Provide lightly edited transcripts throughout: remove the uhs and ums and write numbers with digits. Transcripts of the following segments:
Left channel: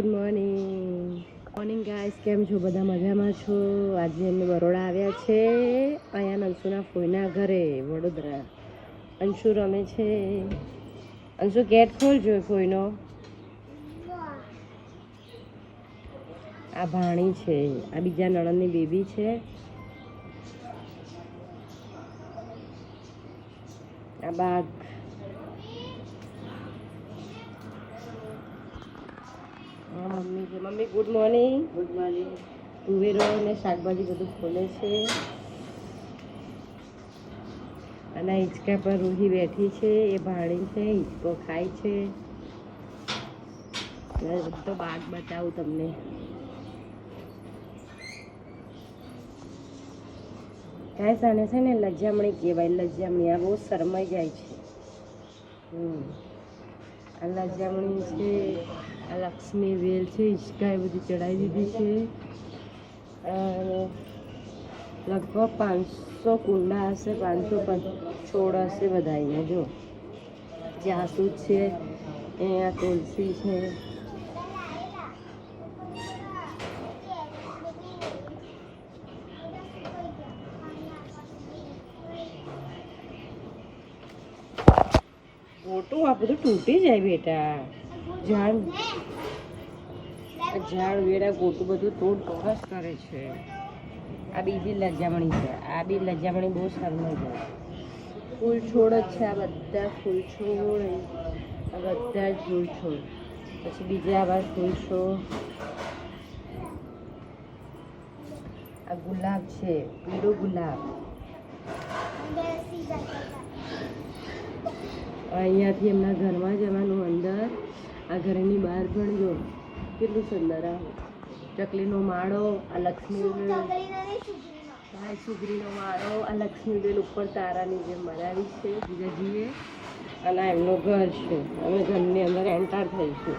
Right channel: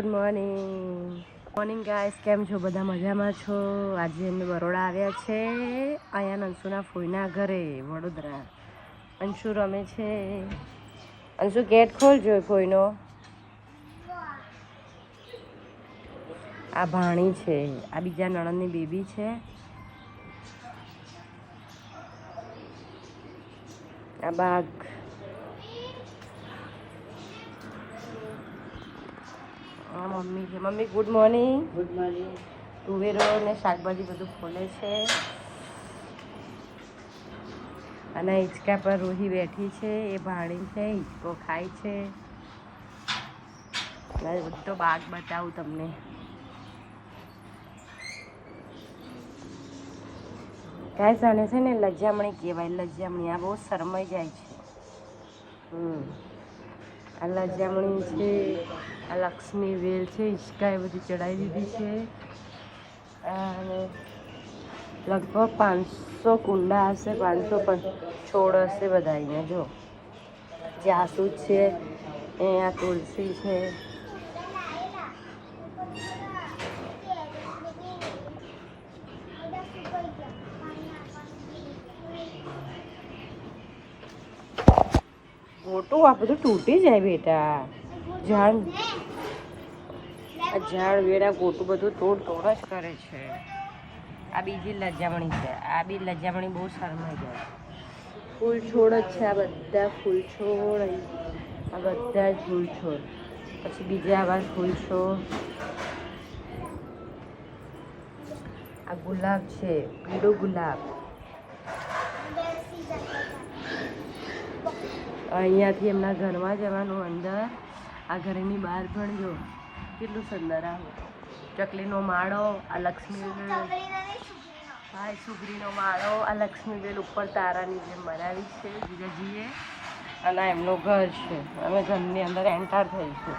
Good morning morning guys, કેમ છો? બધા મજામાં છો? આજે અમે બરોડા આવ્યા છે, અહીંયા અંશુના ફોઈના ઘરે વડોદરા. અંશુ રમે છે. અંશુ ગેટ ખોલજો ફોઈનો. આ ભાણી છે, આ બીજા નણંદની બેબી છે. આ બાગ. મમ્મી છે. Mummy good morning. Good morning. તુવેરો અને શાકભાજી બધું ખોલે છે. અને હિંચકા પર રૂહી બેઠી છે, એ ભાણી છે, હિંચકો ખાય છે. તો બાગ બતાવું તમને. કાંઈ જાણે છે ને, લજામણી કહેવાય. લજામણી આ બહુ શરમાઈ જાય છે. આ લજામણી છે, આ લક્ષ્મી વેલ છે, હિંચકા એ બધી ચડાવી દીધી છે. અને લગભગ 500 કુંડા હશે, 500 છોડ હશે બધા. અહીંયા જો જાસૂદ છે, અહીંયા તુલસી છે. મોટું આ બધું તૂટી જાય બેટા. ઝાડ વેડા ગોટું બધું તોડ જ કરે છે. આ બીજી લજામણી છે, આ બી લજામણી બહુ સારું છે. ફૂલ છોડ જ છે, આ બધા ફૂલ છોડ, આ બધા ફૂલ છોડ. પછી બીજા આવા ફૂલ છોડ. આ ગુલાબ છે, પીળો ગુલાબ. અહીંયાથી એમના ઘરમાં જવાનું અંદર. આ ઘરની બહાર પણ જો કેટલું સુંદર. આ ચકલીનો માળો, આ લક્ષ્મી ભાઈ સુગરીનો માળો, આ લક્ષ્મી બેલ ઉપર તારાની જે મરાવી છે બીજાજીએ. અને એમનું ઘર છે. અમે ઘરની અંદર એન્ટર થઈશું.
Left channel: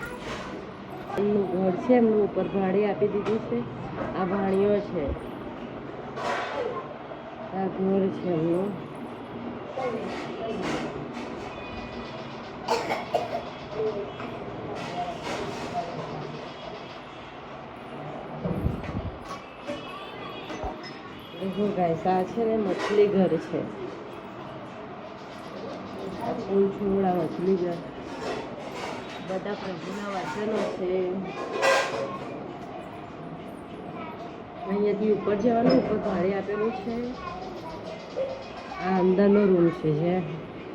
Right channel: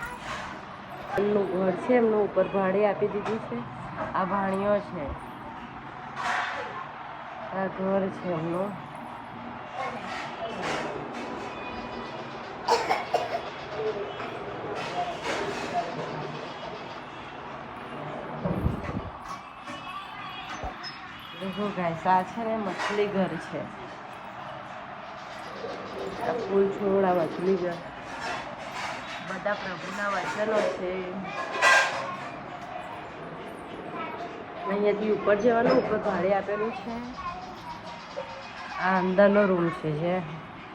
એમનું ઘર છે, એમનું ઉપર ભાડે આપી દીધું છે. આ ભાણીઓ છે, આ ઘર છે એમનું. ગાઈસ, આ છે મછલી ઘર છે. આ ફૂલ છોડ, આ મછલી ઘર, બધા પ્રભુના વચનો છે. અહીંયાથી ઉપર જવાનું, ઉપર ભાડે આપેલું છે. આ અંદરનો રૂમ છે, જે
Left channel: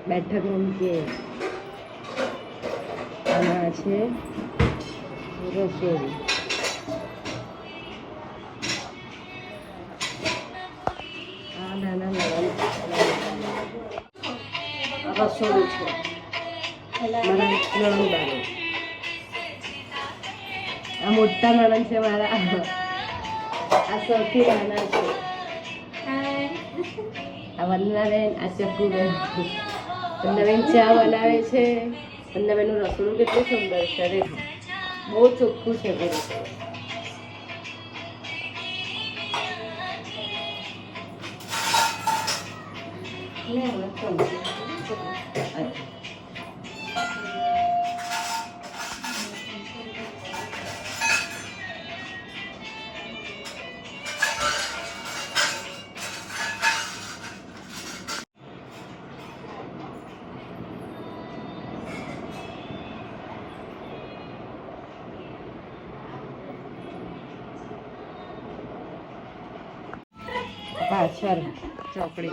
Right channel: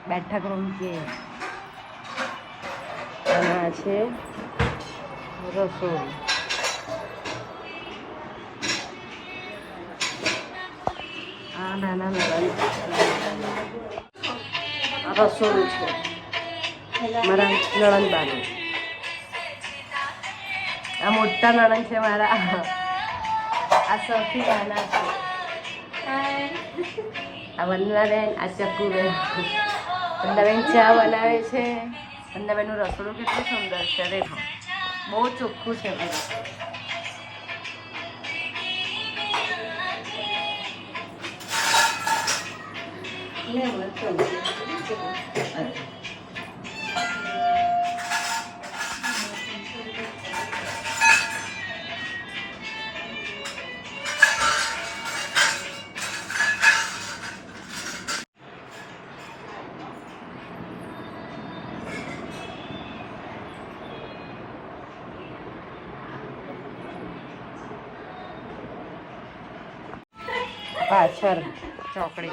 બેઠક રૂમ કે. અને આ છે રસોઈ. આ નાના રસોડું છે મારા નણંદબાનું. આ મોટા નણંદ છે મારા. આ સૌથી નાના છે. આ વંદનાબેન, આ ચકુબેન. વંદનાબેન ચા બનાવે છે. વંદનાબેનનું રસોડું કેટલું સુંદર છે. રે બહુ ચોખ્ખું છે. પાછળ ચોકડી.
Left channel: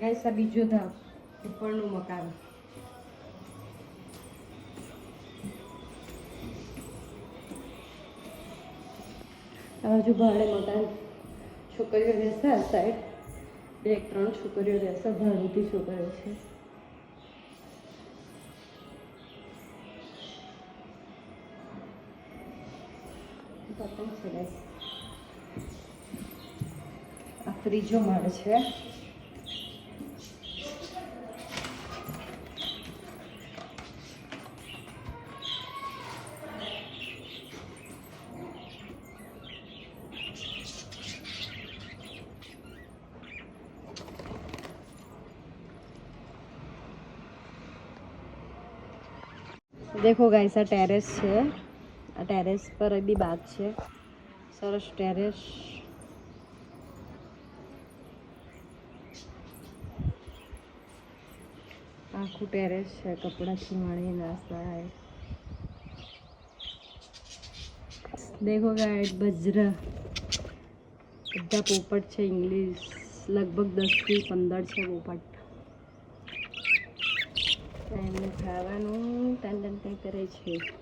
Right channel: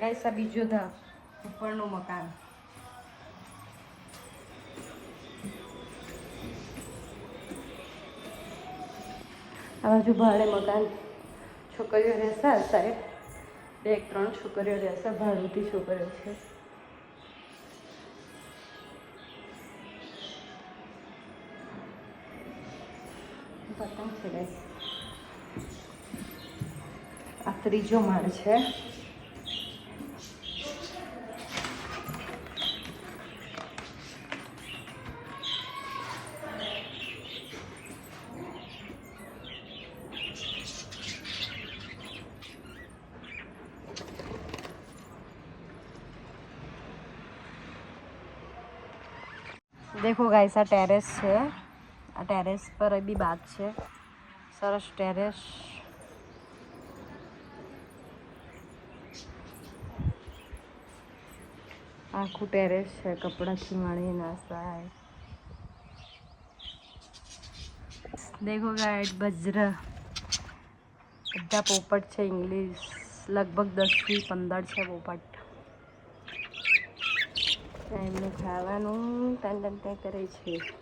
ગાઈસ, આ બીજું ધામ, ઉપરનું મકાન. આ બાજુ ભાડે મકાન. છોકરીઓ રહેશે સાહેબ, 2-3 છોકરીઓ રહેશે, ભાડુતી છોકરીઓ છે. આ ત્રીજો માળ છે. દેખો ગાઈસ આ ટેરેસ છે, આ ટેરેસ પર બી બાગ છે, સરસ ટેરેસ. આખું ટેરેસ છે, કપડાથી મળી નાસ્તા. દેખો ગાઈસ બજરા બધા પોપટ છે, ઇંગ્લિશ લગભગ 10 થી 15 છે પોપટ. એમને ખાવાનું ટન કરે છે.